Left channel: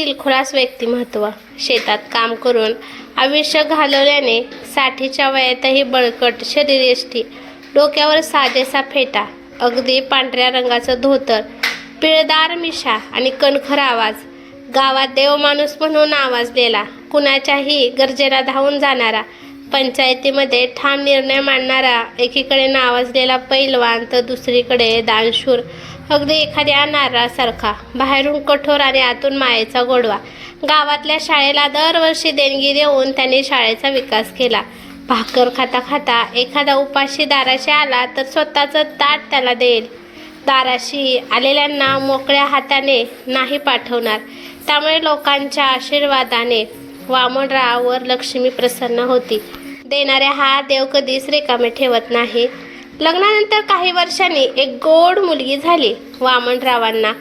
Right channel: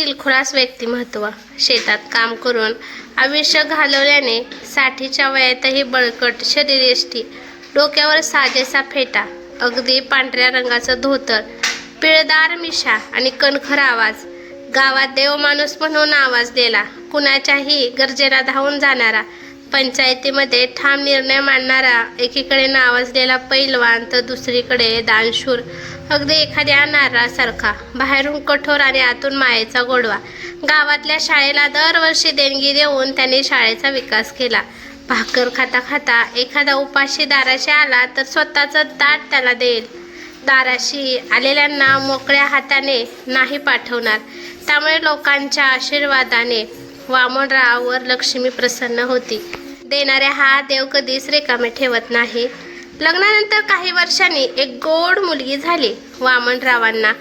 दिलखुलास व्यक्तिमत्व. शेतात काम करून आयुष्य घालवल्याने 60च्या वयातही बळकट शरीरयष्टी, डोक्यावर साजेसा फेटा, अगदी पांढऱ्या रंगाचं धोतर, पिळदार मिशा आणि कणखर आवाज. गावात देवमाणूस म्हणून नावाजलेला, कुणाच्याही गरजेला धावून जाणारा, पंचायतीमध्ये ठाम निर्णय मांडणारा, एकीकडे नावाजलेला पैलवान तर दुसरीकडे दानशूर, अगदी एखाद्या नारळासारखा, बाहेरून कठोर आणि आतून मायेचा गोडवा. गावातल्या शाळेला दरवर्षी देणगी देऊन त्यांनी शाळेचा विकास केला. भाकर खाता खाता एखादा उपाशी दाराशी आला तर स्वतःचं ताट त्याला देईल. दाराशी आलेल्यांना मोकळ्या हाताने नाही पाठवणार. त्यामुळे लोकांच्या आशीर्वादाने वामनरावावर लक्ष्मी प्रसन्न होती. देणाऱ्या हा देव कधीच रिकामे ठेवत नाही. लग्नानंतर काही वर्षांनी एक गोड मुलगी झाली वामनरावांना.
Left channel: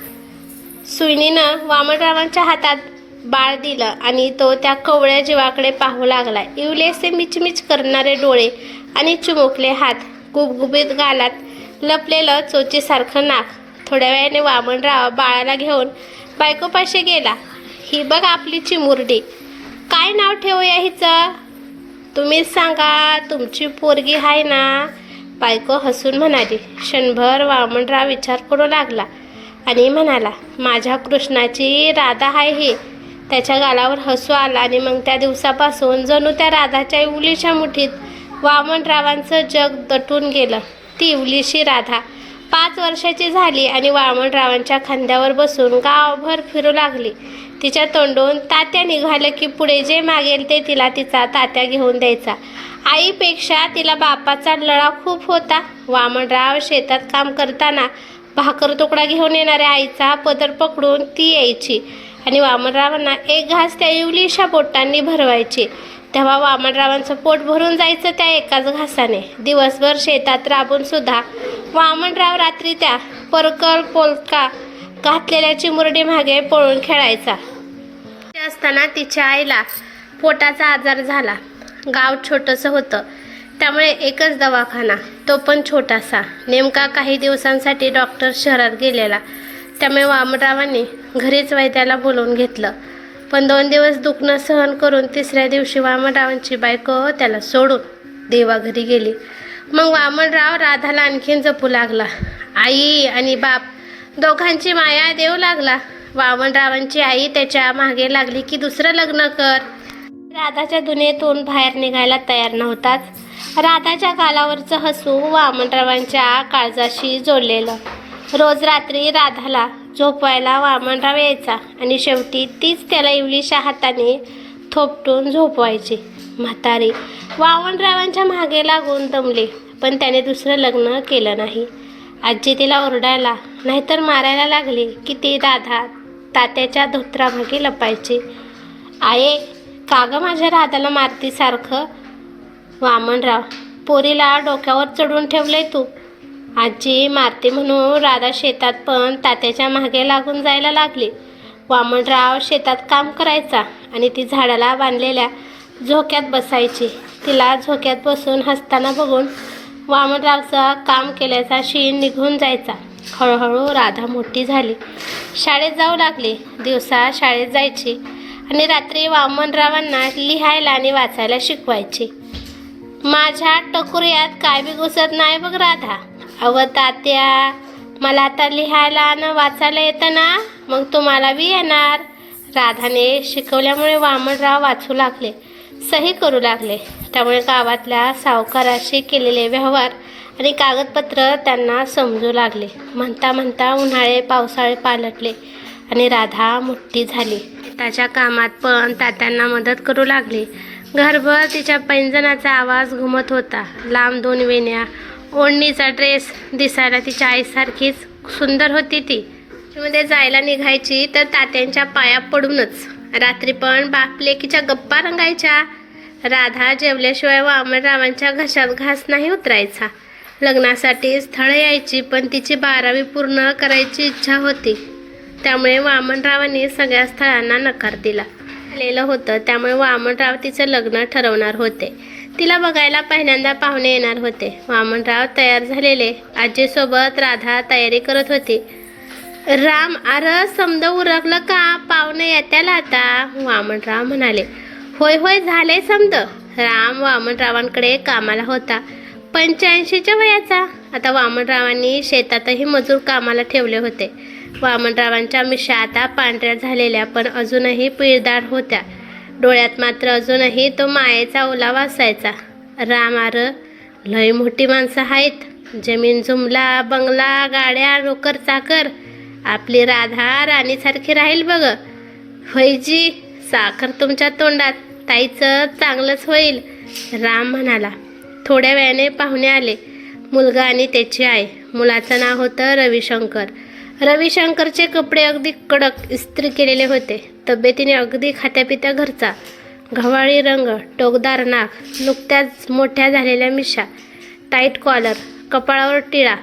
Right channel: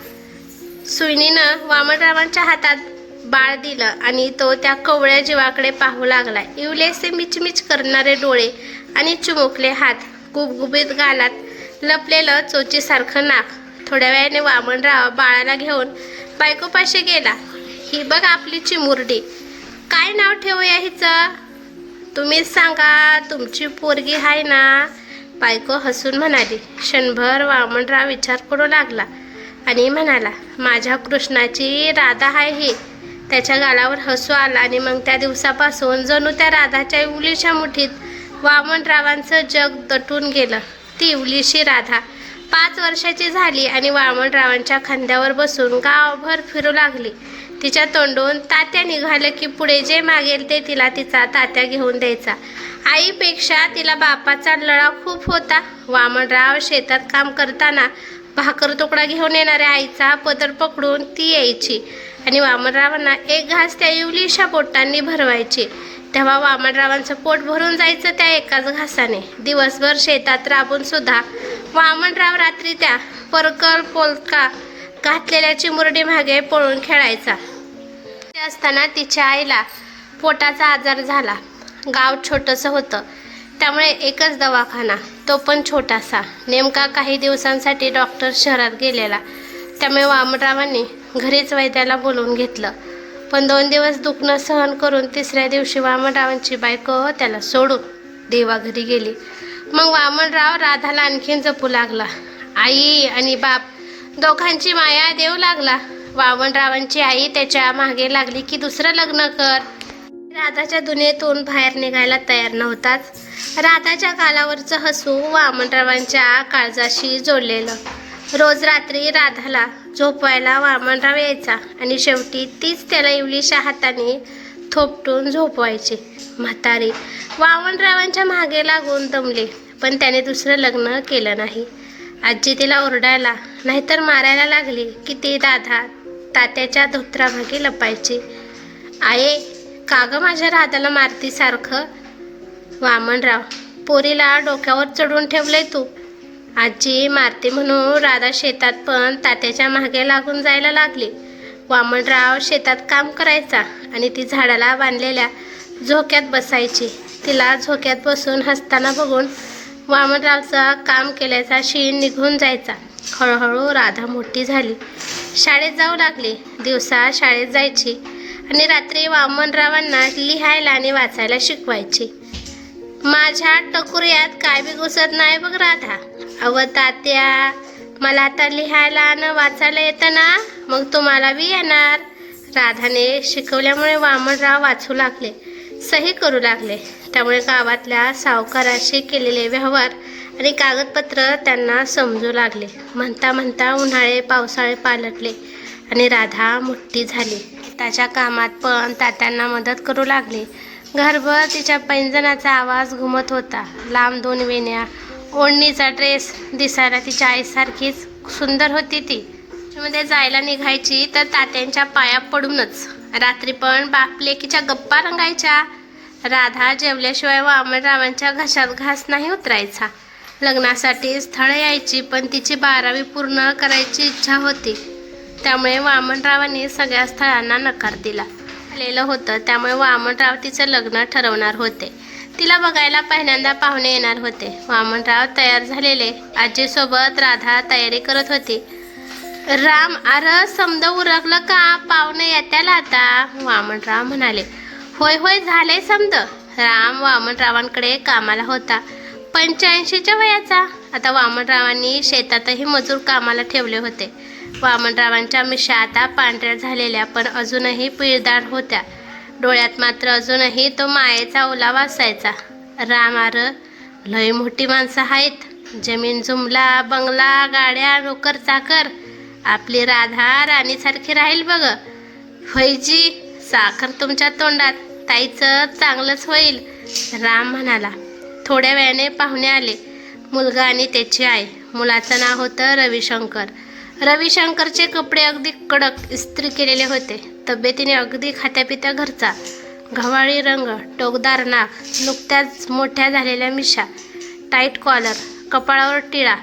सुईणीनं वामनरावांच्या हातात बाळ दिलं आणि तो त्या कवळ्या जीवाकडे पाहू लागला. इवलेसे मिचमिच करणारे डोळे आणि चिमुकले हात, गुबगुबीत गालात लपलेलं चोचीसारखं नाक. थोड्या वेळाने वामनराव बाळाला घेऊन बायकोपाशी गेला. ही बघ आपली चिमुरडी, काय नाव ठेवूया हिचं? तुम्हीच सांगा, तुमची पोरगी आहे ना? बायको हसून म्हणाली. क्षणभर वामनराव विचार करू लागला आणि म्हणाला, माझ्या कृष्णाची राधा आहे ही. त्याच्या गालावर हसू आला आणि मग त्या दिवसापासून जणू त्या राधाच्या इवलीच्या मुठीत वामनरावांचं जग दटून गेलं. ती इवलीशी राधा 5 वर्षाची झाली आणि वामनरावांच्या खांद्यावर बसून गावभर फिरू लागली. तिच्या तोंडून तात्या निघालं की पुढे जे मागेल ते तिला तिचा तात्या घेऊन द्यायचा. आईपेक्षा तिला बापाचा लळा खूप होता. वामनराव शेतात काम करताना भाकर तुकडा घेऊन येणाऱ्या आईचा पदर पकडून ती यायची आणि वामनरावांना एक घास त्या इवलीच्या बोटांनी भरवायची. तेव्हा वामनरावांचं पोट भरून जायचं त्या एकाच घासाने. दिवसभर शेतात राबून सुद्धा वामनराव रात्री त्या परकल पोलका घातलेल्या चिमुरडी मागे पळून खेळायचा. ते असताना तिच्या आईला पोटाचा आजार झाला. गाव छोटंसं होतं, त्यामुळे एकच दवाखाना, तो पण छोटासा. नेमका काही दिवसांसाठी डॉक्टर शहरात गेलेला. त्यामुळे वामनरावांनी घरीच वैद्याला बोलवून घेतलं. पण 2 दिवस दुखणं सहन करून 3ऱ्या दिवशी वामनरावांची बायको त्याला सोडून देवाघरी गेली. मग वामनराव राधाला आणखीन जपू लागला. आई आणि बाप दोघांची माया देऊ लागला. वामनरावांची आई त्याच्या मागे लागली की दुसरं लग्न कर. राधाच्या दुनियेतून बाहेर निघायला तयार नव्हताच. राधाच्या गालावरचं हसू वामनरावांच्या काळजाशी जोडलेलं. रोज रात्री राधाला झोपवायला वामनराव यायचा आणि शेवटी तीच त्याला इवलीच्या हाताने थोपटून झोपवायची. म्हातारी वामनरावांच्या मागे लागून दमली, पण त्याने दुसरं लग्न केलं नाही. आजी तिला ओरडायला नाहीतर मारायला लागली की ती राधा तात्याच्या धोत्रामागे लपायची. आये, का गं माझ्या राधाला मारती सारखं? वामनराव, पोरीला डोक्यावर चढून ठेवलंय तू. आजी मारते म्हणून राधा शेतात पण तात्याच्या मागे लागून जायला लागली. वामनराव शेतात काम करायचा आणि ती झाडाला बांधलेल्या झोक्यात बसायची. तिला झोक्यात बसून हसताना बघून वामनरावचा काम केल्याचा शीण निघून जायचा. हळूहळू राधा मोठी झाली, शाळेत जाऊ लागली. दिवसा शाळेत जायची आणि रात्री वामनरावांना लिहायला आणि वाचायला शिकवायची. माझ्या टकुर्यात काय बी घुसत नाही बघ राधा. अव तात्या, मला आता लिहायला आणि वाचायला येतं ना, मग तुम्हाला बी येणार. राधाने शिकवल्यामुळे वामनराव वाचू लागले, सही करू लागले. त्यामुळे गावातल्या सावकाराशी केलेले व्यवहार आणि कागदपत्र त्यांना समजू लागले. म्हणता म्हणता उन्हाळे पावसाळे पालटले आणि राधा मोठी झाली. त्याच्या कामात पण तात्यांना मदत करू लागली. घरभर तिच्या पैंजणाचा आवाज घुमत होता. लांब 2 वेण्या, ओढणीचा ड्रेस, दिसायला तिच्या आईसारखीच सुंदर होती ती. मध्ये जायला निघायची तर तात्यांच्या पाया पडूनच. रात्री पण बाप लेकीच्या गप्पा रंगायच्या. राधा जेवल्याशिवाय वामनरावांच्या घशात घास नाही उतरायचा. लग्नासाठी स्थळं यायची, पण तिची 12वी पूर्ण करायची इच्छा होती. त्यामुळे वामनरावांनी सगळ्या स्थळांना नकार दिला. आलेलं होतं, त्यामुळे वामनराव तिचं लग्न ठरवणार होते. तिला बघायला पहिल्यांदा पाहुणे येणार होते. वामनराव तयार झालेले. आजीसोबत राधा तयारी करत होती. राम, अरे समद उरकलं का? पाहुणे येत्याला आता, वामनराव म्हणाले. होय होय, झाले समद. राम वामनरावांकडे कामाला होता. 85च्या वयाचा. आता वामनरावांनी शेतातही मजूर कामाला ठेवले होते. वामनरावांच्या मिशा आता पांढऱ्या झालेल्या पण अजूनही पिळदार होत्या. डोळ्यात मात्र अजूनही तो मायेचा ओलावा असायचा. राम, अरे लय मोठी माणसं आहेत. जमीन जुमला, बंगला, गाड्या, नोकर चाकर. आपली राधा राणीसारखी राहील बघ. होयजी, साखर तुमच्या तोंडात. ताईचं चांगलंच होईल, राम म्हणाला. थोड्या वेळाने पाहुणे आले. मुलगा आणि त्याची आई. मुलाचं नाव होतं रविशंकर. रविशंकरचे कपडे अगदी कडक इस्त्री केलेले होते. तब्येतीने अगदी खात्यापित्या घरचा. गव्हाळी रंग, टोकदार नाक, नुकत्याच मोठ्या झालेल्या मिशा, टाईट कॉलर, कपाळावर टिळा,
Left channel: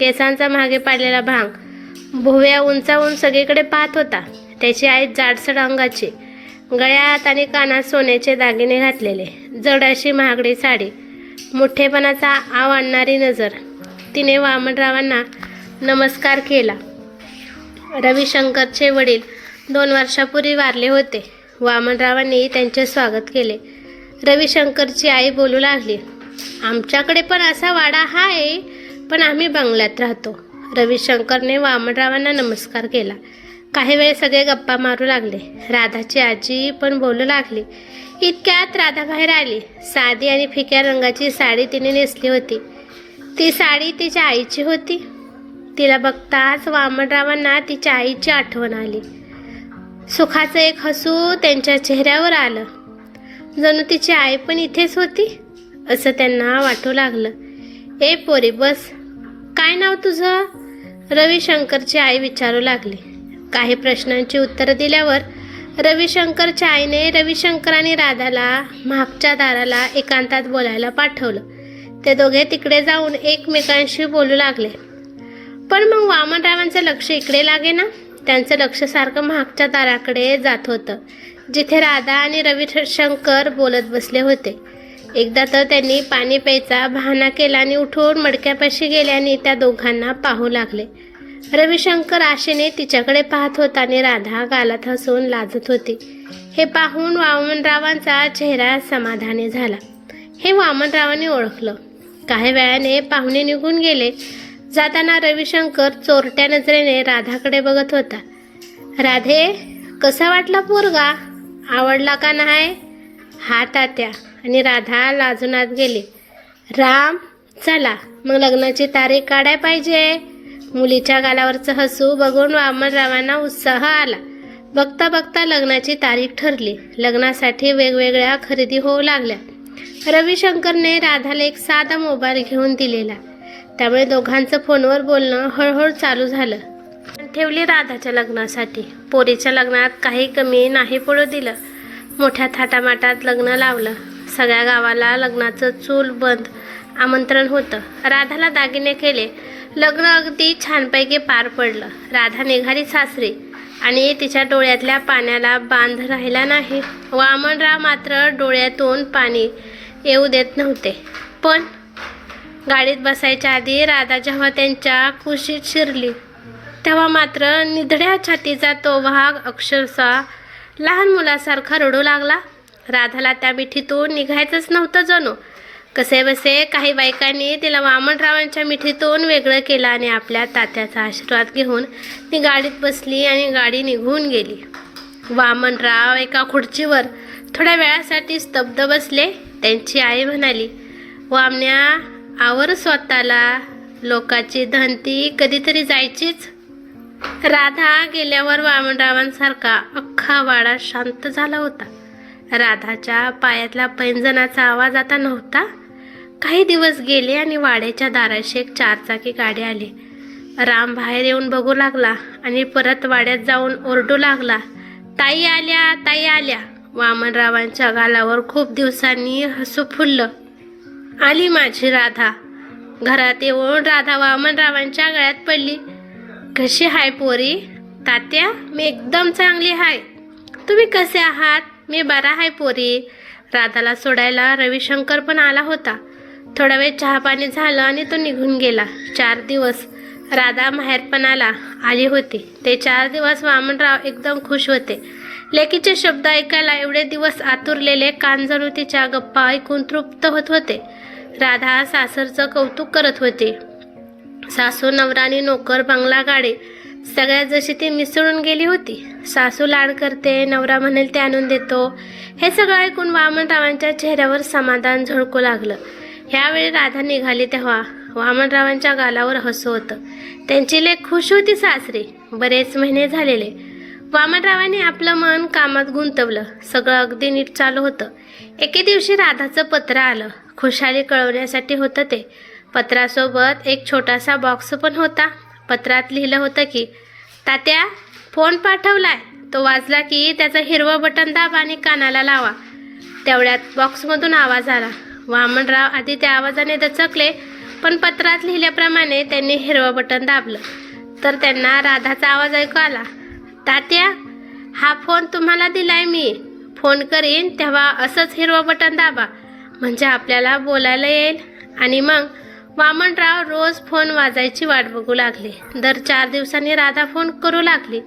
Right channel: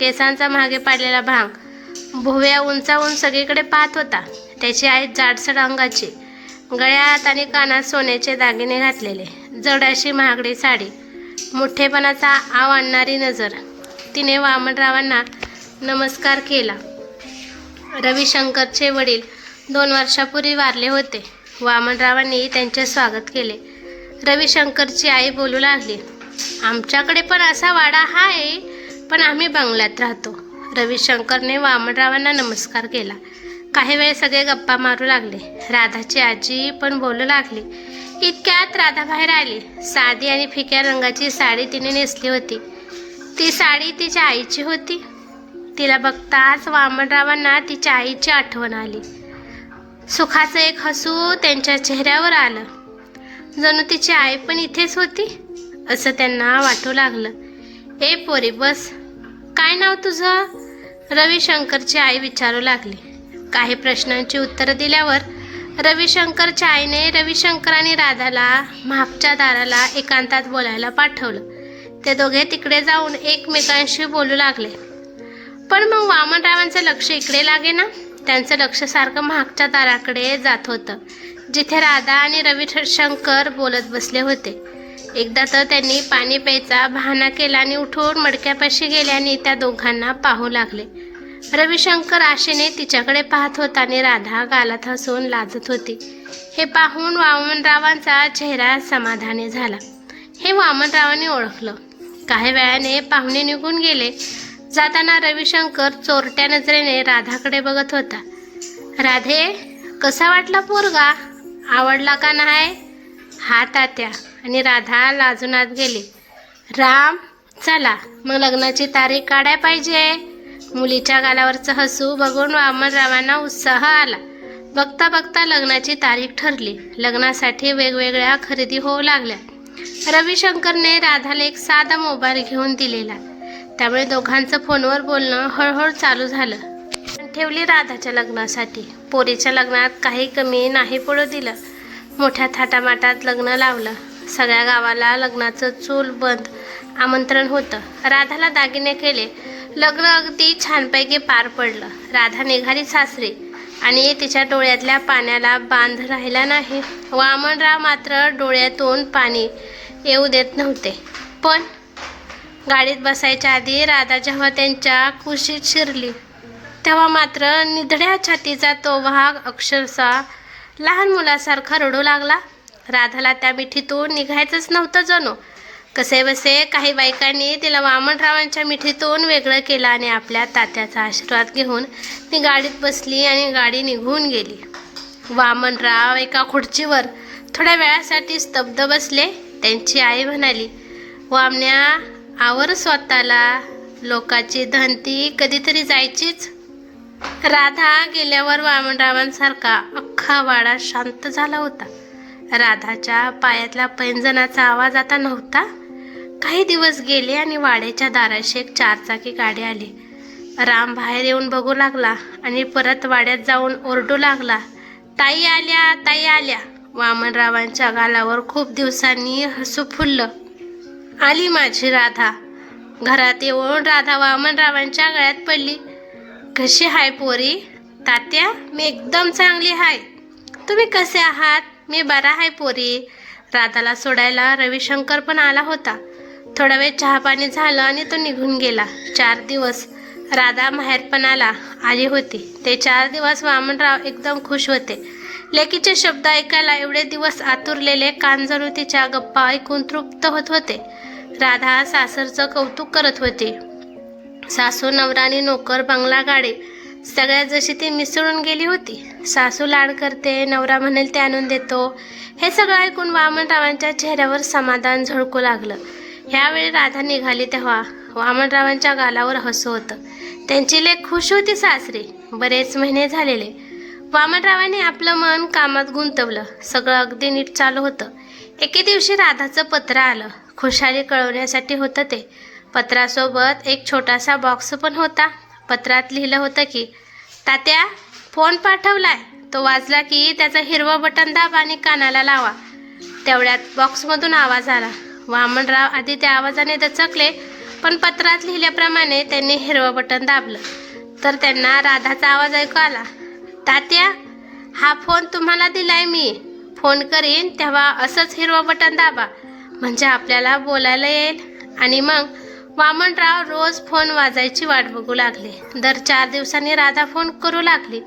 केसांचा मागे पाडलेला भांग. भुव्या उंचावून सगळीकडे पाहत होता. त्याची आई जाडसड अंगाची, गळ्यात आणि कानात सोन्याचे दागिने घातलेले, जड अशी महागडी साडी, मोठेपणाचा आव आणणारी नजर. तिने वामनरावांना नमस्कार केला. रविशंकरचे वडील 2 वर्षापूर्वी वारले होते. वामनरावांनी त्यांचे स्वागत केले. रविशंकरची आई बोलू लागली. आमच्याकडे पण असा वाडा आहे, पण आम्ही बंगल्यात राहतो. रविशंकरने वामनरावांना नमस्कार केला. काही वेळ सगळे गप्पा मारू लागले. राधाची आजी पण बोलू लागली. इतक्यात राधा बाहेर आली. साधी आणि फिक्या रंगाची साडी तिने नेसली होती. ती साडी तिच्या आईची होती. तिला बघताच वामनरावांना तिच्या आईची आठवण आली. सुखाचं एक हसू त्यांच्या चेहऱ्यावर आलं. जणू तिची आई पण इथेच होती असं त्यांना वाटू लागलं. ए पोरी, बस. काय नाव तुझं? रविशंकरची आई विचारू लागली. काही प्रश्नांची उत्तरं दिल्यावर रविशंकरच्या आईने रविशंकर आणि राधाला मागच्या दाराला एकांतात बोलायला पाठवलं. ते दोघे तिकडे जाऊन एकमेकांशी बोलू लागले. पण मग वामनरावांचं लक्ष इकडे लागे ना. त्यांचं लक्ष सारखं मागच्या दाराकडे जात होतं, जिथे राधा आणि रविशंकर बोलत बसले होते. एकदा तर त्यांनी पाणी प्यायचा बहाणा केला आणि उठून मडक्यापाशी गेले आणि त्या दोघांना पाहू लागले. रविशंकर आशेने तिच्याकडे पाहत होता आणि राधा गालात हसून लाजत होती. हे पाहून वामनरावांचा चेहरा समाधानी झाला. हे वामनरावांनी ओळखलं. काही वेळाने पाहुणे निघून गेले. जाताना रविशंकर चोरट्या नजरेने राधाकडे बघत होता. राधे, कसा वाटला पोरगा? आवडला का नाही? हा तात्या. आणि राधा लाजून आत गेली. राम, चला मग लग्नाची तारीख काढाय पाहिजे. मुलीच्या गालावरचं हसू बघून वामनरावांना उत्साह आला. बघता बघता लग्नाची तारीख ठरली. लग्नासाठी वेगवेगळ्या खरेदी होऊ लागल्या. रविशंकरने राधाला एक साधा मोबाईल घेऊन दिलेला. त्यामुळे दोघांचं फोनवर बोलणं हळूहळू चालू झालं. ठेवली राधाच्या लग्नासाठी. पोरीच्या लग्नात काही कमी नाही पडू दिलं. मोठ्या थाटामाटात लग्न लावलं. सगळ्या गावाला लग्नाचं चूल बंद आमंत्रण होतं. राधाला दागिने केले. लग्न अगदी छानपैकी पार पडलं. राधा निघाली सासरी आणि तिच्या डोळ्यातल्या पाण्याला बांध राहिला नाही. वामनराव मात्र डोळ्यातून पाणी येऊ देत नव्हते. पण गाडीत बसायच्या आधी राधा जेव्हा त्यांच्या कुशीत शिरली, तेव्हा मात्र निधड्या छातीचा तो वाघ अक्षरशः लहान मुलासारखा रडू लागला. राधाला त्या मिठीतून निघायचंच नव्हतं जणू. कसे बसे काही बायकांनी तिला वामनरावांच्या मिठीतून वेगळं केलं आणि आपल्या तात्याचा आशीर्वाद घेऊन ती गाडीत बसली आणि गाडी निघून गेली. वामनराव एका खुर्चीवर थोड्या वेळासाठी स्तब्ध बसले. त्यांची आई म्हणाली, वामन्या, आवर स्वतःला. लोकाची धनती कधीतरी जायचीच. राधा गेल्यावर वामनरावांसारखा अख्खा वाडा शांत झाला होता. राधाच्या पायातल्या पैंजणाचा आवाज आता नव्हता. काही दिवस गेले आणि वाड्याच्या दाराशी एक 4-चाकी गाडी आली. राम बाहेर येऊन बघू लागला आणि परत वाड्यात जाऊन ओरडू लागला, ताई आल्या, ताई आल्या. वामनरावांच्या गालावर खूप दिवसांनी हसू फुललं. आली माझी राधा. घरात येऊन राधा वामनरावांच्या गळ्यात पडली. कशी हाय पोरी? तात्या, मी एकदम चांगली हाय. तुम्ही कसे आहात? मी बरा हाय पोरी. राधाला सोडायला रविशंकर पण आला होता. थोडा वेळ चहापाणी झालं आणि तो निघून गेला. 4 दिवस राधा माहेरपणाला आली होती. ते 4 दिवस वामनराव एकदम खुश होते. लेकीचे शब्द ऐकायला एवढे दिवस आतुरलेले कान जणू तिच्या गप्पा ऐकून तृप्त होत होते. राधा सासरचं कौतुक करत होती. सासू, नवरा आणि नोकर, बंगला, गाडी सगळ्यात जशी ती मिसळून गेली होती. सासू लाड करते, नवरा म्हणेल ते आणून देतो. हे सगळं ऐकून वामनरावांच्या चेहऱ्यावर समाधान झळकू लागलं. ह्यावेळी राधा निघाली तेव्हा वामनरावांच्या गालावर हसू होतं. त्यांची लेक खुश होती सासरी. बरेच महिने झालेले. वामनरावांनी आपलं मन कामात गुंतवलं. सगळं अगदी नीट चालू होतं. एके दिवशी राधाचं पत्र आलं. खुशाली कळवण्यासाठी होतं ते. पत्रासोबत एक छोटासा बॉक्स पण होता. पत्रात लिहिलं होतं की, तात्या, फोन पाठवलाय. तो वाजला की त्याचं हिरवं बटन दाबा आणि कानाला लावा. तेवढ्यात बॉक्समधून आवाज आला. वामनराव आधी त्या आवाजाने दचकले, पण पत्रात लिहिल्याप्रमाणे त्यांनी हिरवं बटन दाबलं तर त्यांना राधाचा आवाज ऐकू आला. तात्या, हा फोन तुम्हाला दिलाय मी. फोन करीन तेव्हा असंच हिरवं बटन दाबा, म्हणजे आपल्याला बोलायला येईल. आणि मग वामनराव रोज फोन वाजायची वाट बघू लागले. दर 4 दिवसांनी राधा फोन करू लागली.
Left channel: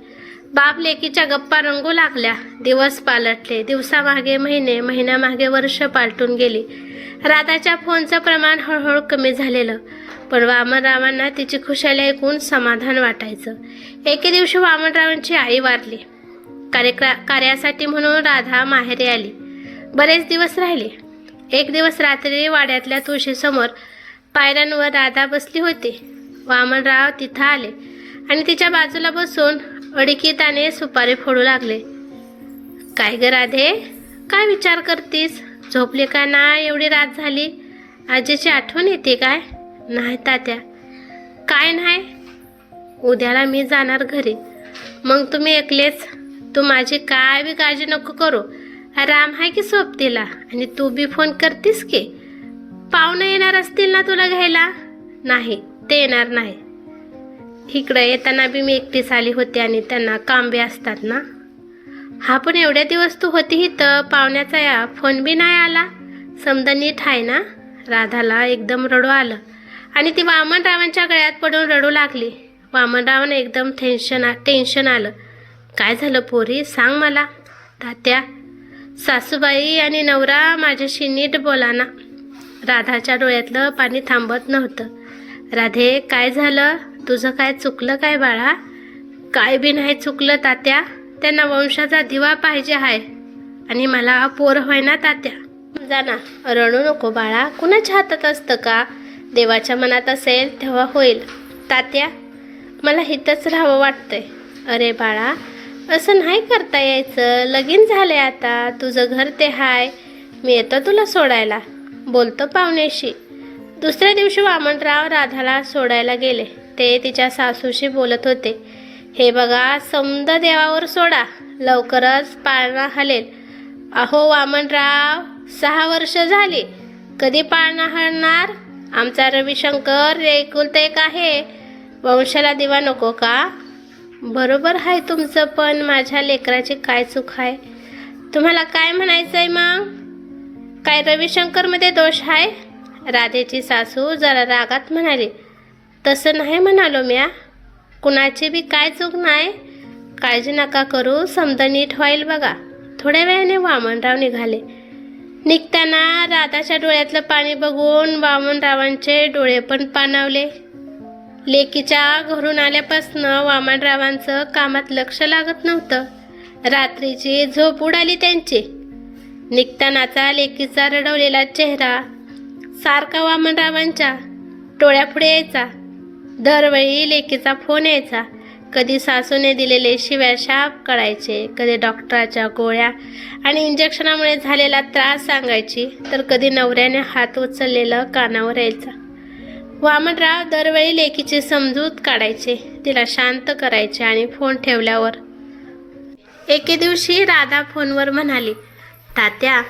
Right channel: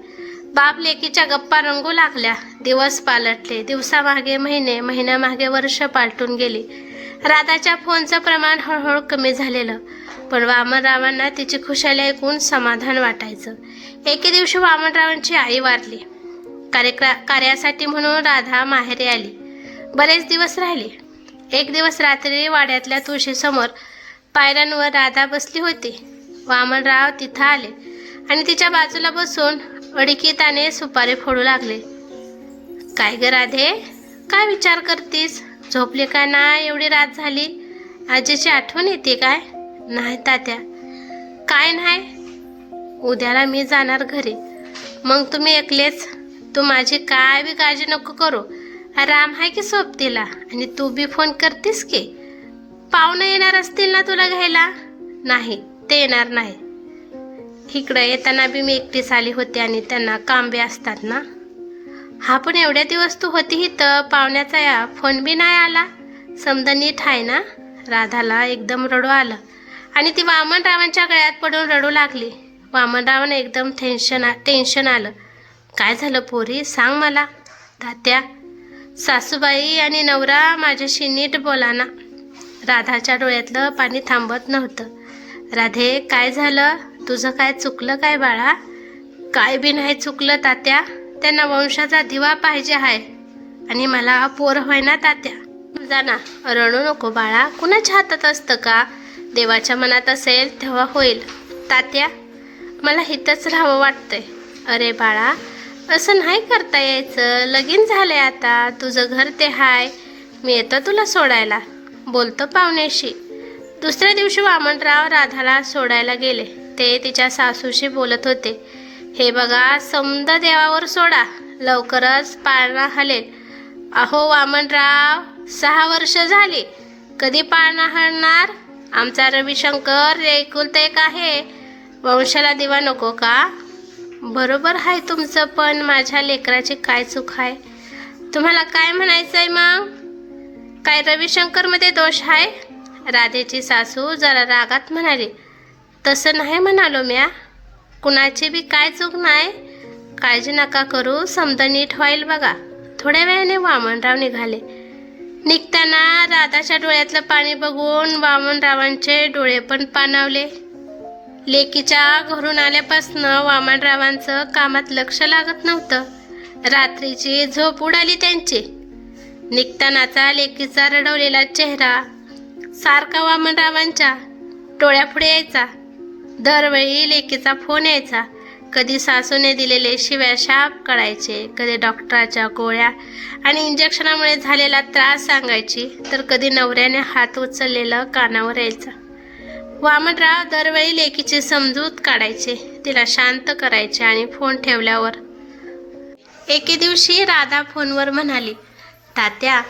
बाप लेकीच्या गप्पा रंगू लागल्या. दिवस पालटले. दिवसामागे महिने, महिन्यामागे वर्ष पालटून गेली. राधाच्या फोनचं प्रमाण हळूहळू कमी झालेलं, पण वामनरावांना तिची खुशाली ऐकून समाधान वाटायचं. एके दिवशी वामनरावांची आई वारली. कार्यासाठी म्हणून राधा माहेरी आली. बरेच दिवस राहिली. एक दिवस रात्री वाड्यातल्या तुळशीसमोर पायऱ्यांवर राधा बसली होती. वामनराव तिथं आले आणि तिच्या बाजूला बसून अडकिताने सुपारी फोडू लागले. काय ग राधे, काय विचार करतीस? झोपली का ना? एवढी रात झाली. आजीची आठवण येते काय? नाही तात्या. काय नाही? उद्याला मी जाणार घरी. मग तुम्ही एकलेच? तू माझी काय बी काळजी नको करू. राम आहे की सोबतीला, आणि तू बी फोन करतीस की. पाहुणे येणार असतील ना तुला घ्यायला? नाही, ते येणार नाही. इकडं येताना बी मी एकटीच आली होती आणि त्यांना काम बी असतात ना. हा, पण एवढ्या दिवस तू होती इथं, पाहुण्याचा या फोन बी नाही आला. समजा नीट आहे ना? राधाला एकदम रडू आलं आणि ती वामनरावांच्या गळ्यात पडून रडू लागली. वामनरावांना एकदम टेन्शन आलं. काय झालं पोरी, सांग मला. तात्या, सासूबाई आणि नवरा माझ्याशी नीट बोला ना. राधाच्या डोळ्यातलं पाणी थांबत नव्हतं. राधे, काय झालं? तुझं काय चुकलं काय बाळा? काय बी नाही चुकलं तात्या. त्यांना वंशाचा दिवा पाहिजे आहे आणि मला पोर होय ना तात्या. जा ना, रडू नको बाळा. कुणाच्या हातात असतं का? देवाच्या मनात असेल तेव्हा होईल. तात्या, मला इथंच राहावं वाटतंय. अरे बाळा, असं नाही करता यायचं. लगीन झालंय आता. तुझं घर ते हाय. मी येतो तुला सोडायला. बोलतो पाहुण्याशी. दुसऱ्या दिवशी वामनराव राधाला सोडायला गेले. ते तिच्या सासूशी बोलत होते. हे बघा, समद देवावर सोडा, लवकरच पाळणा हलेल. अहो वामनराव, 6 वर्ष झाली. कधी पाळणा हलणार? आमचा रविशंकर एकुलता एक आहे. वंशाला दिवा नको का? बरोबर आहे तुमचं, पण माझ्या लेकराची काय चूक आहे? तुम्हाला काय म्हणायचंय मग? काय रविशंकरमध्ये दोष आहे? राधेची सासू जरा रागात म्हणाली. तसं नाही म्हणालो म्या. कुणाची बी काय चूक नाही. काळजी नका करू, समजा नीट होईल बघा. थोड्या वेळाने वामनराव निघाले. निघताना राधाच्या डोळ्यातलं पाणी बघून वामनरावांचे डोळे पण पाणावले. लेकीच्या घरून आल्यापासून वामनरावांचं कामात लक्ष लागत नव्हतं. रात्रीची झोप उडाली त्यांची. निघतानाचा लेकीचा रडवलेला चेहरा सारखा वामनरावांच्या डोळ्यापुढे यायचा. दरवेळी लेकीचा फोन यायचा. कधी सासूने दिलेले शिव्या शाप कळायचे, कधी डॉक्टराच्या गोळ्या आणि इंजेक्शनामुळे झालेला त्रास सांगायची, तर कधी नवऱ्याने हात उचललेलं कानावर यायचा. वामनराव दरवेळी लेकीची समजूत काढायचे, तिला शांत करायचे आणि फोन ठेवल्यावर एके दिवशी राधा फोनवर म्हणाली, तात्या,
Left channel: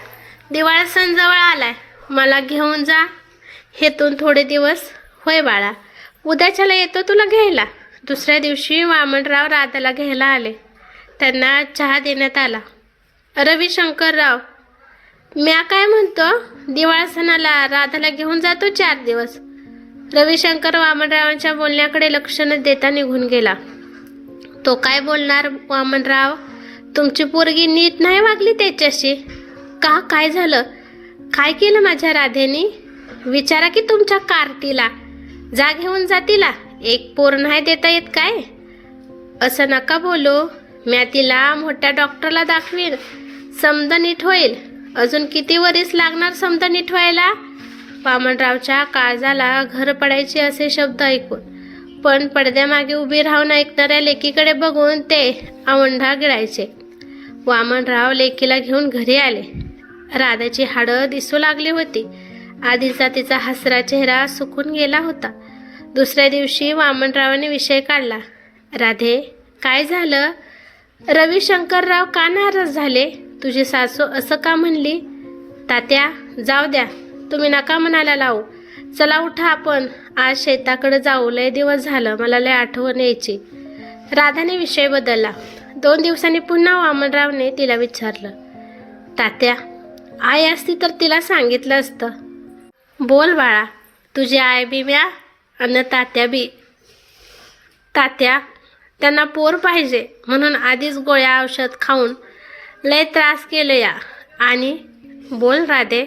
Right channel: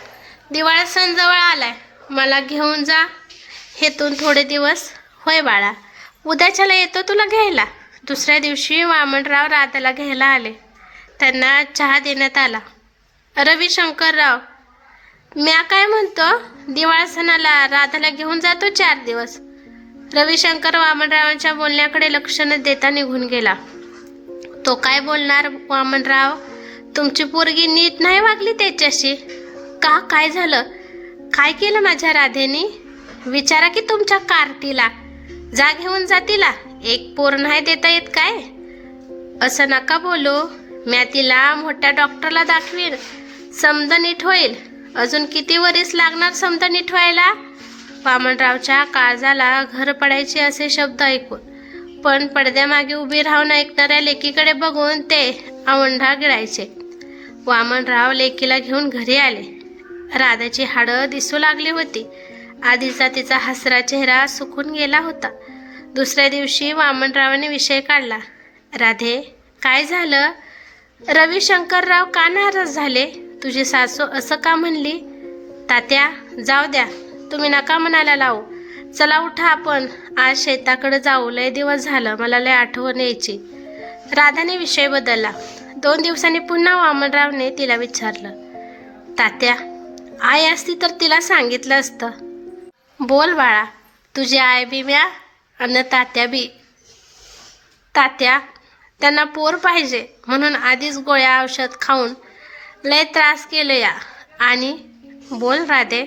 दिवाळी सण जवळ आलाय, मला घेऊन जा हेतून थोडे दिवस. होय बाळा, उद्याच्याला येतो तुला घ्यायला. दुसऱ्या दिवशी वामनराव राधाला घ्यायला आले. त्यांना चहा देण्यात आला. रविशंकरराव, म्या काय म्हणतो, दिवाळी सणाला राधाला घेऊन जातो 4 दिवस. रविशंकर वामनरावांच्या बोलण्याकडे लक्ष न देता निघून गेला. तो काय बोलणार वामनराव? तुमची पोरगी नीट नाही वागली त्याच्याशी का? काय झालं? काय केलं माझ्या राधेनी? विचारा की तुमच्या कार्तीला. जा घेऊन जा तिला. एक पोर नाही देता येत काय? असं नका बोलू. म्या तिला मोठ्या डॉक्टरला दाखवीन. समजा नीट होईल. अजून किती वरीस लागणार समजा नीट व्हायला? वामनरावच्या काळजाला घर पडायचे असे शब्द ऐकून, पण पडद्यामागे उभी राहून ऐकणाऱ्या लेकीकडे बघून ते आवंढा गिळायचे. वामनराव लेकीला घेऊन घरी आले. राधाची हाडं दिसू लागली होती. आधीचा तिचा हसरा चेहरा सुकून गेला होता. दुसऱ्या दिवशी वामनरावाने विषय काढला. राधे, काय झालं? रविशंकरराव का नाराज झाले? तुझी सासू असं का म्हणली? तात्या, जाऊ द्या, तुम्ही नका म्हणायला लावू. चला उठा, आपण आज शेताकडे जाऊ. लय दिवस झालं, मला लय आठवण यायची. राधाने विषय बदलला. 2 दिवसांनी पुन्हा वामनरावने तिला विचारलं. तात्या, आई असती तर तिला सांगितलं असतं. बोल बाळा, तुझी आई बी म्या आणि तात्या बी. तात्या, त्यांना पोर पाहिजे म्हणून आधीच गोळ्या औषध खाऊन लय त्रास केलं या. आणि बोल राधे,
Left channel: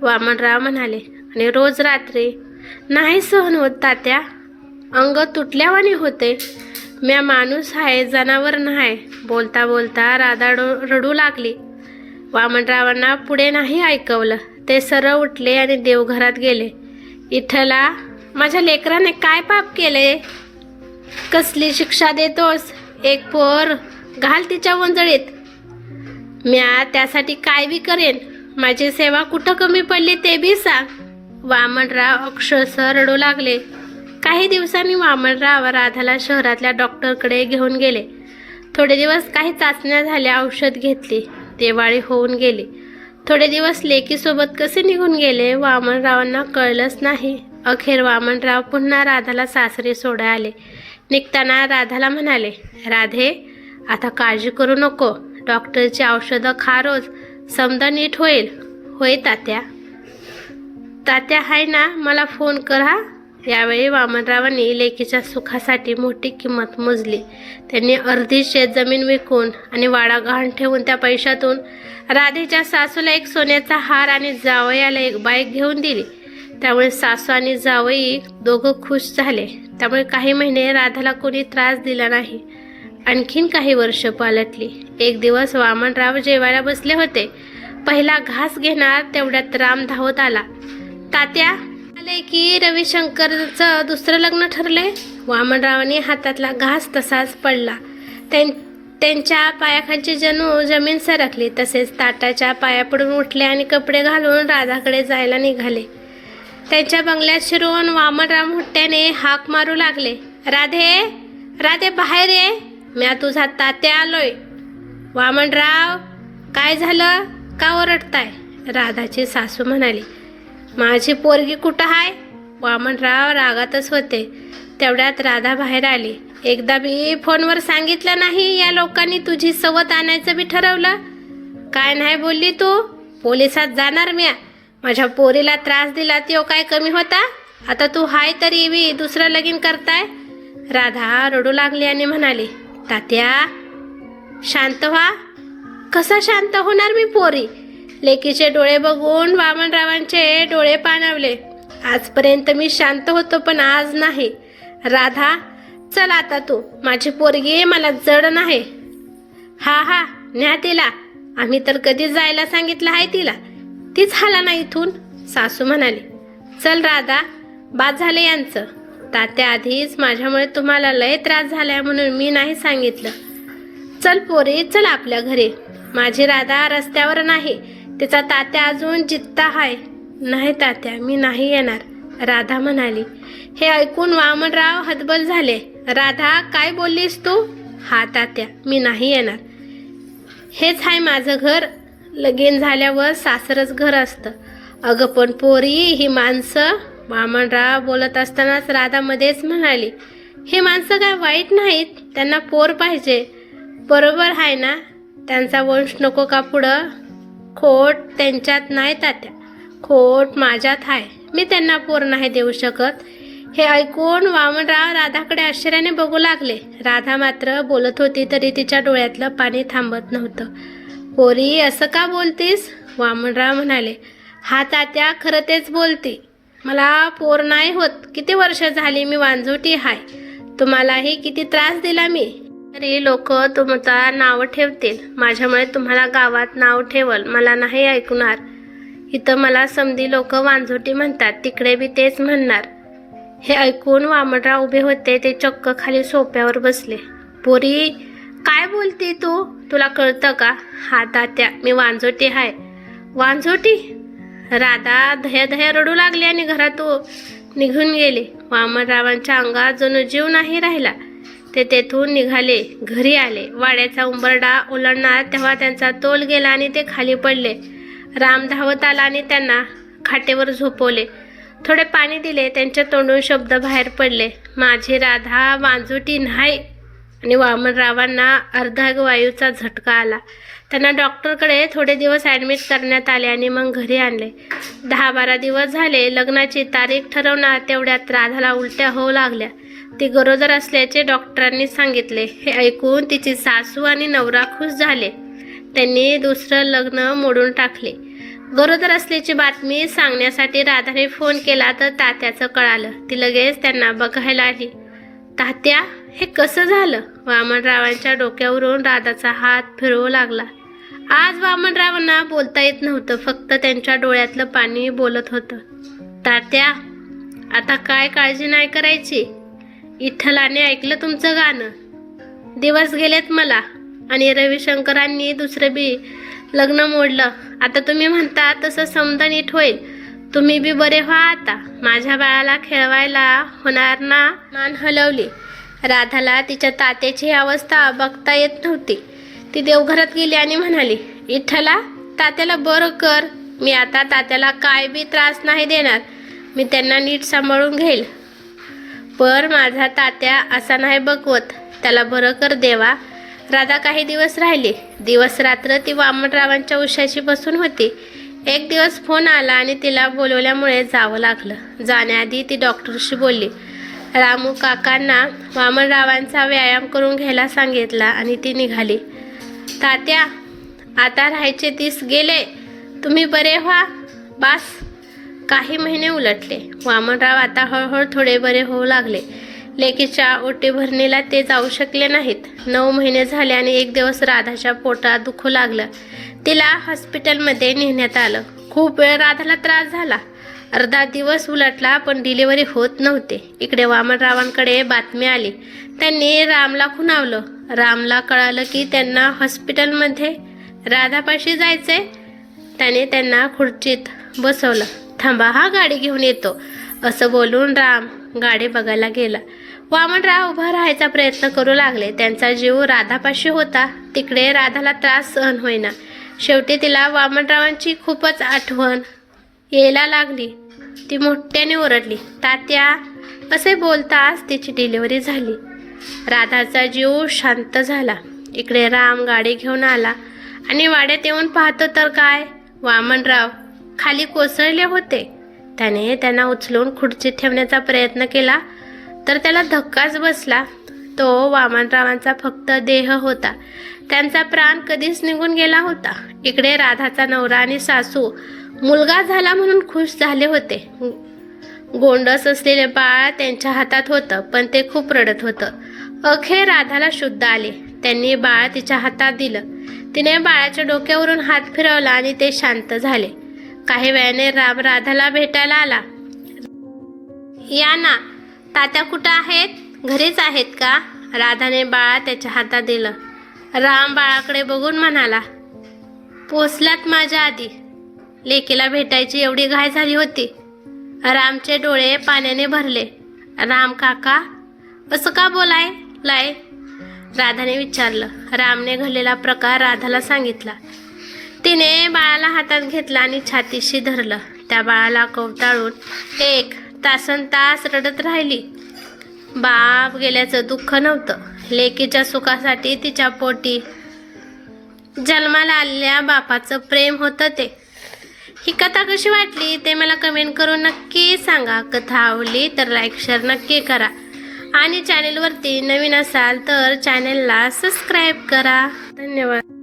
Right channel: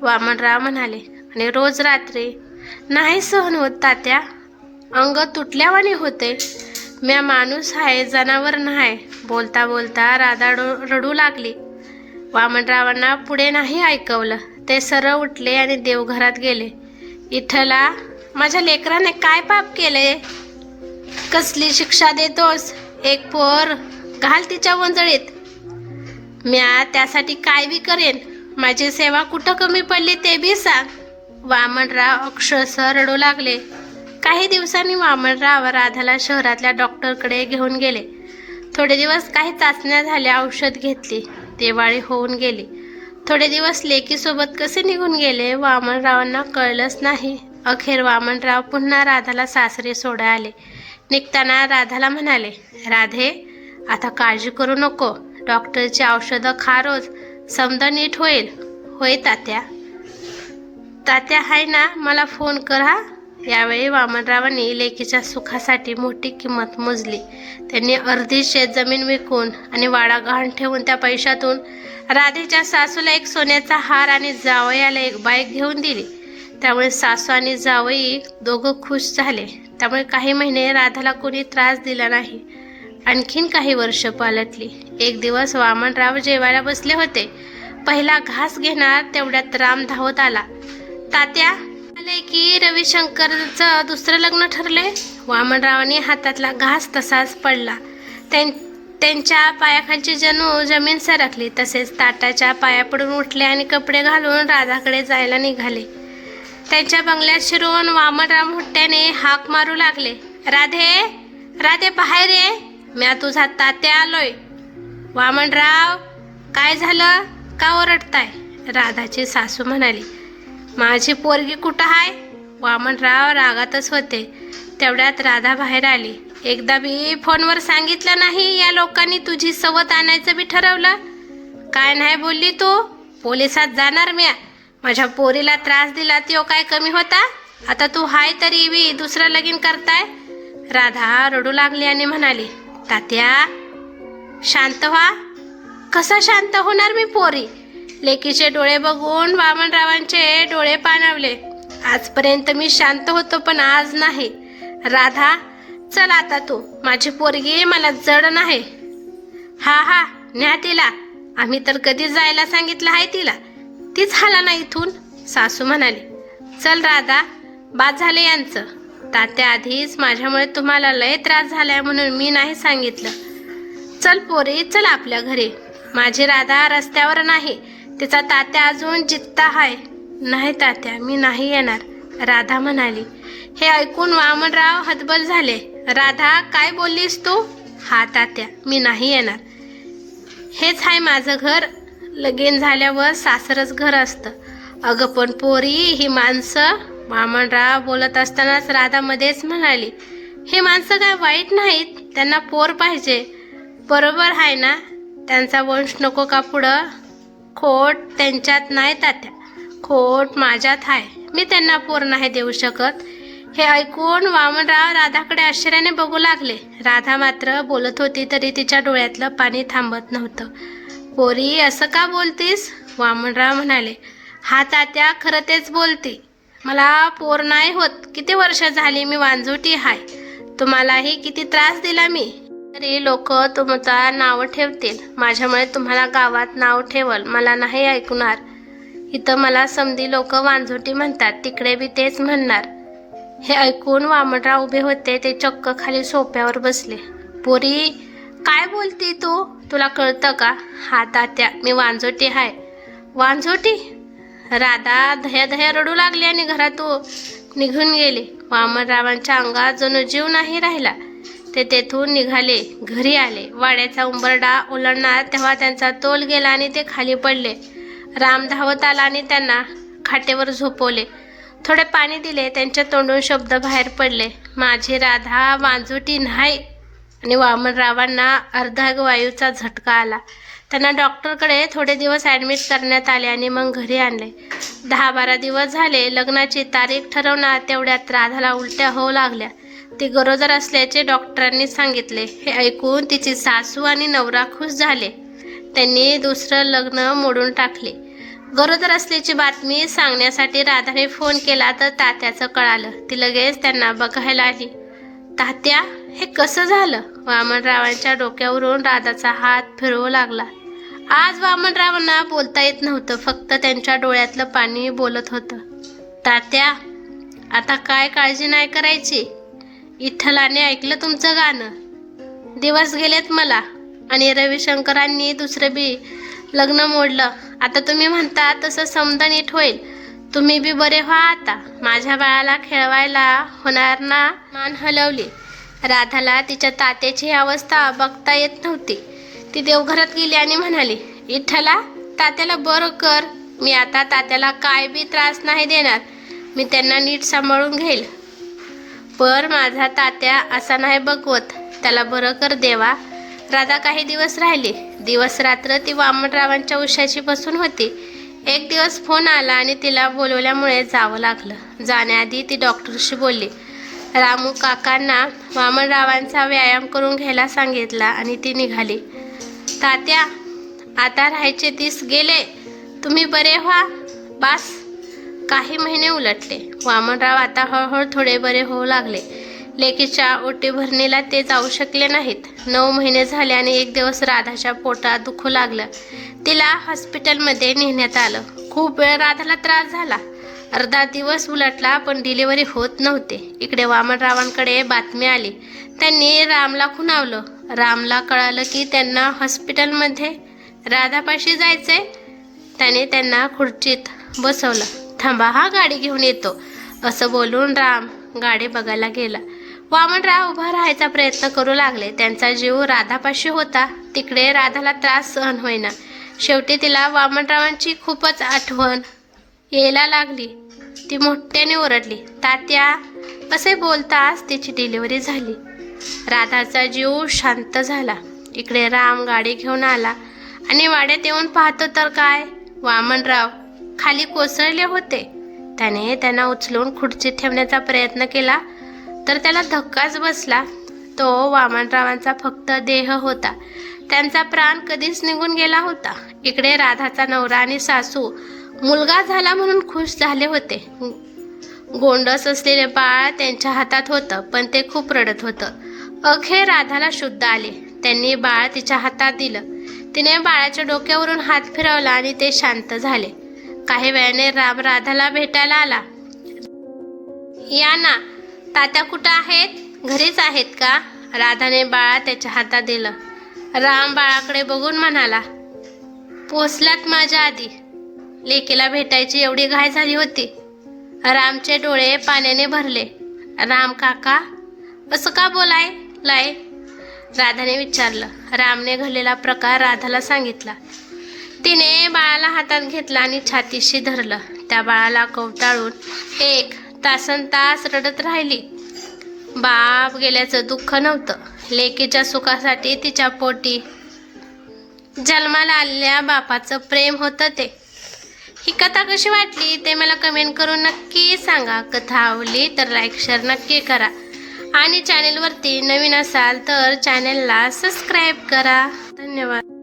वामनराव म्हणाले. आणि रोज रात्री नाही सहन होत तात्या. अंग तुटल्यावानी होते. म्या माणूस आहे, जनावर नाही. बोलता बोलता राधा रडू लागली. वामनरावांना पुढे नाही ऐकवलं. ते सरळ उठले आणि देवघरात गेले. इथला, माझ्या लेकराने काय पाप केले? कसली शिक्षा देतोस? एक पोर घाल तिच्या वंजळीत. म्या त्यासाठी काय बी करेन. माझी सेवा कुठं कमी पडली ते बी सांग. वामनराव अक्षरशः रडू लागले. काही दिवसांनी वामनराव राधाला शहरातल्या डॉक्टरकडे घेऊन गेले. थोडे दिवस काही चाचण्या झाल्या, औषध घेतली. दिवाळी होऊन गेली. थोडे दिवस लेकीसोबत कसे निघून गेले वामनरावांना कळलंच नाही. अखेर वामनराव पुन्हा राधाला सासरी सोडायला आले. निघताना राधाला म्हणाले, राधे, आता काळजी करू नको. डॉक्टरची औषधं खा रोज. समजा नीट होईल. होय तात्या. तात्या हाय ना, मला फोन कर हा. यावेळी वामनरावांनी लेकीच्या सुखासाठी मोठी किंमत मोजली. त्यांनी अर्धी शेतजमीन विकून आणि वाडा गहाण ठेवून त्या पैशातून राधेच्या सासूला एक सोन्याचा हार आणि जावयाला एक बाईक घेऊन दिली. त्यामुळे सासू आणि जावई दोघं खुश झाले. त्यामुळे काही महिने राधाला कोणी त्रास दिला नाही. आणखीन काही वर्ष पालटली. एक दिवस वामनराव जेवायला बसले होते. पहिला घास घेणार तेवढ्यात राम धावत आला. तात्या, आले की रविशंकरचं दुसरं लग्न ठरले. वामनरावांनी हातातला घास तसाच पडला. त्यांच्या पायाखालची जणू जमीन सरकली. तसेच ताटाच्या पाया पडून उठले आणि कपडे घालून राधाकडे जायला निघाले. त्यांच्या बंगल्यात शिरून वामनराव मोठ्याने हाक मारू लागले. राधे, राधे, बाहेर ये. म्या तुझा तात्या आलोय. वामनराव, काय झालं? का ओरडताय? राधाची सासू म्हणाली. माझी पोरगी कुठं आहे? वामनराव रागातच होते. तेवढ्यात राधा बाहेर आली. एकदा बी फोनवर सांगितलं नाही या लोकांनी तुझी सवत आणायचं बी ठरवलं? काय नाही बोलली तू? पोलिसात जाणार म्या. माझ्या पोरीला त्रास दिला तो काय कमी होता? आता तू हाय तरी बी दुसरं लगीन करताय. राधा रडू लागली आणि म्हणाली, तात्या, शांत व्हा. कसा शांत होणार मी पोरी? लेकीचे डोळे बघून वामनरावांचे डोळे पाणावले. आजपर्यंत मी शांत होतो, पण आज नाही. राधा, चल आता तू. माझी पोरगी मला जड नाही. हा हा, न्या तिला. आम्ही तर कधीच जायला सांगितलं आहे तिला. तीच हाला ना इथून. सासू म्हणाली, चल राधा, बाद झाले यांचं. तात्या, आधीच माझ्यामुळे तुम्हाला लय त्रास झालाय म्हणून मी नाही सांगितलं. चल पोरी, चल आपल्या घरी. माझी राधा रस्त्यावर नाही. तिचा तात्या अजून जित्ता आहे. नाही तात्या, मी नाही येणार, राधा म्हणाली. हे ऐकून वामनराव हतबल झाले. राधा, काय बोललीस तू? हा तात्या, मी नाही येणार. हेच आहे माझं घर. लगीन झाल्यावर सासरच घर असतं. अगं पण पोरी, ही माणसं. वामनराव बोलत असतानाच राधा मध्येच म्हणाली, ही माणसं काय वाईट नाहीत. त्यांना पोर पाहिजे. बरोबर आहे ना? त्यांचा वंश नको का पुढं? खोट त्यांच्यात नाही तात्या, खोट माझ्यात आहे. मी त्यांना पोर नाही देऊ शकत. हे ऐकून वामनराव राधाकडे आश्चर्याने बघू लागले. राधा मात्र बोलत होती तरी तिच्या डोळ्यातलं पाणी थांबत नव्हतं. पोरी, असं का बोलतीस? वामनराव म्हणाले. हा तात्या, खरं तेच बोलती. मला पोर नाही होत. किती वर्ष झाली मी वांझोटी हाय. तुम्हालाही किती त्रास दिला मी, तरी लोक तुमचा नाव ठेवतील. माझ्यामुळे तुम्हाला गावात नाव ठेवल. मला नाही ऐकणार. इथं मला समधी लोक वांझोटी म्हणतात, तिकडे बी तेच म्हणणार. हे ऐकून वामनराव उभे होते. ते चक्क खाली सोप्यावर बसले. पोरी, काय बोलती तू? तुला कळतं का? हा तात्या, मी वांझोटी हाय. वांझोटी? राधा धया रडू लागली आणि घरातून निघून गेली. वामनरावांच्या अंगात जणू जीव नाही राहिला. ते तेथून निघाले, घरी आले. वाड्याचा उंबरडा ओलांडणार तेव्हा त्यांचा तोल गेला आणि ते खाली पडले. राम धावत आला आणि त्यांना खाटेवर झोपवले. थोडे पाणी दिले. त्यांच्या तोंडून शब्द बाहेर पडले, माझी राधा वांझोटी नाही. आणि वामनरावांना अर्धांगवायूचा झटका आला. त्यांना डॉक्टरकडे थोडे दिवस ॲडमिट करण्यात आले आणि मग घरी आणले. 10-12 दिवस झाले. लग्नाची तारीख ठरवणार तेवढ्यात राधाला उलट्या होऊ लागल्या. ती गरोदर असल्याचे डॉक्टरांनी सांगितले. हे ऐकून तिची सासू आणि नवरा खुश झाले. त्यांनी दुसरं लग्न मोडून टाकले. गरोदर असल्याची बातमी सांगण्यासाठी राधाने फोन केला तर तात्याचं कळालं. ती लगेच त्यांना बघायला आली. तात्या, हे कसं झालं? वामनरावांच्या डोक्यावरून राधाचा हात फिरवू लागला. आज वामनरावांना बोलता येत नव्हतं. फक्त त्यांच्या डोळ्यातलं पाणी बोलत होतं. तात्या, आता काय काळजी नाही करायची. विठ्ठलाने ऐकलं तुमचं गाणं. दिवस गेलेत मला. आणि रविशंकरांनी दुसरं बी लग्न मोडलं. आता तुम्ही म्हणता तसं समजा नीट होईल. तुम्ही बी बरे व्हा आता. माझ्या बाळाला खेळवायला होणार ना? मान हलवली. राधाला तिच्या तात्याची अवस्था बघता येत नव्हती. ती देवघरात गेली आणि म्हणाली, विठ्ठला, तात्याला बरं कर. मी आता तात्याला काय बी त्रास नाही देणार. मी त्यांना नीट सांभाळून घेईल. पण माझा तात्या असा नाही बघवत. त्याला बरं कर देवा. राधा काही दिवस राहिली. दिवस रात्र ती वामनरावांच्या उशाची बसून होती. एक दिवस फोन आला आणि तिला बोलवल्यामुळे जावं लागलं. जाण्याआधी ती डॉक्टरशी बोलली. रामू काकांना वामनरावांचा व्यायाम करून घ्यायला सांगितला आणि ती निघाली. तात्या, आता राहायचे दिस गेले. तुम्ही बरे व्हा. बास. काही महिने उलटले. वामनराव आता हळूहळू थोडे बरे होऊ लागले. लेकीच्या ओटी भरणीला ते जाऊ शकले नाहीत. 9 महिने झाले आणि एक दिवस राधाच्या पोटात दुखू लागलं. तिला हॉस्पिटलमध्ये नेण्यात आलं. खूप वेळ राधाला त्रास झाला. अर्धा दिवस उलटला पण डिलिव्हरी होत नव्हते. इकडे वामनरावांकडे बातमी आली. त्यांनी रामला खुणावलं. रामला कळालं की त्यांना हॉस्पिटलमध्ये राधापाशी जायचंय. त्याने त्यांना खुर्चीत बसवलं. थांबा, हा गाडी घेऊन येतो, असं बोलून राम गाडी बघायला गेला. वामनराव उभा राहायचा प्रयत्न करू लागले. त्यांचा जीव राधापाशी होता. तिकडे राधाला त्रास सहन होईना. शेवटी तिला वामनरावांची खूपच आठवण यायला लागली. ती मोठ्याने ओरडली, तात्या, असे बोलताच तिची डिलिव्हरी झाली. राधाचा जीव शांत झाला. इकडे राम गाडी घेऊन आला आणि वाड्यात येऊन पाहतो तर काय, वामनराव खाली कोसळले होते. त्याने त्यांना उचलून खुर्चीत ठेवण्याचा प्रयत्न केला तर त्याला धक्काच बसला. तो वामनरावांचा फक्त देह होता. त्यांचा प्राण कधीच निघून गेला होता. इकडे राधाचा नवरा आणि सासू मुलगा झाला म्हणून खुश झाले होते. गोंडस असलेले बाळ त्यांच्या हातात होतं पण ते खूप रडत होतं. अखेर राधाला शुद्ध आले. त्यांनी बाळ तिच्या हातात दिलं. तिने बाळाच्या डोक्यावरून हात फिरवला आणि ते शांत झाले. काही वेळाने राम राधाला भेटायला आला. या ना, तात्या कुठं आहेत? घरीच आहेत का? राधाने बाळा त्याच्या हातात दिलं. राम बाळाकडे बघून म्हणाला, पोचलात माझ्या आधी. लेकीला भेटायची एवढी घाई झाली होती. रामचे डोळे पाण्याने भरले. राम काका, असं का बोलाय? राधाने विचारलं. रामने घडलेला प्रकार राधाला सांगितला. तिने बाळाला हातात घेतला आणि छातीशी धरलं. त्या बाळाला कवटाळून 1 तासनतास रडत राहिली. बाप गेल्याचं दुःख नव्हतं, लेकीच्या सुखासाठी तिच्या पोटी जन्माला आलेल्या बापाचं प्रेम होतं ते. ही कथा कशी वाटली ते मला कमेंट करून नक्की सांगा. कथा आवडली तर लाईक शेअर नक्की करा आणि चॅनेलवरती नवीन असाल तर चॅनेलला सबस्क्राईब करा. धन्यवाद.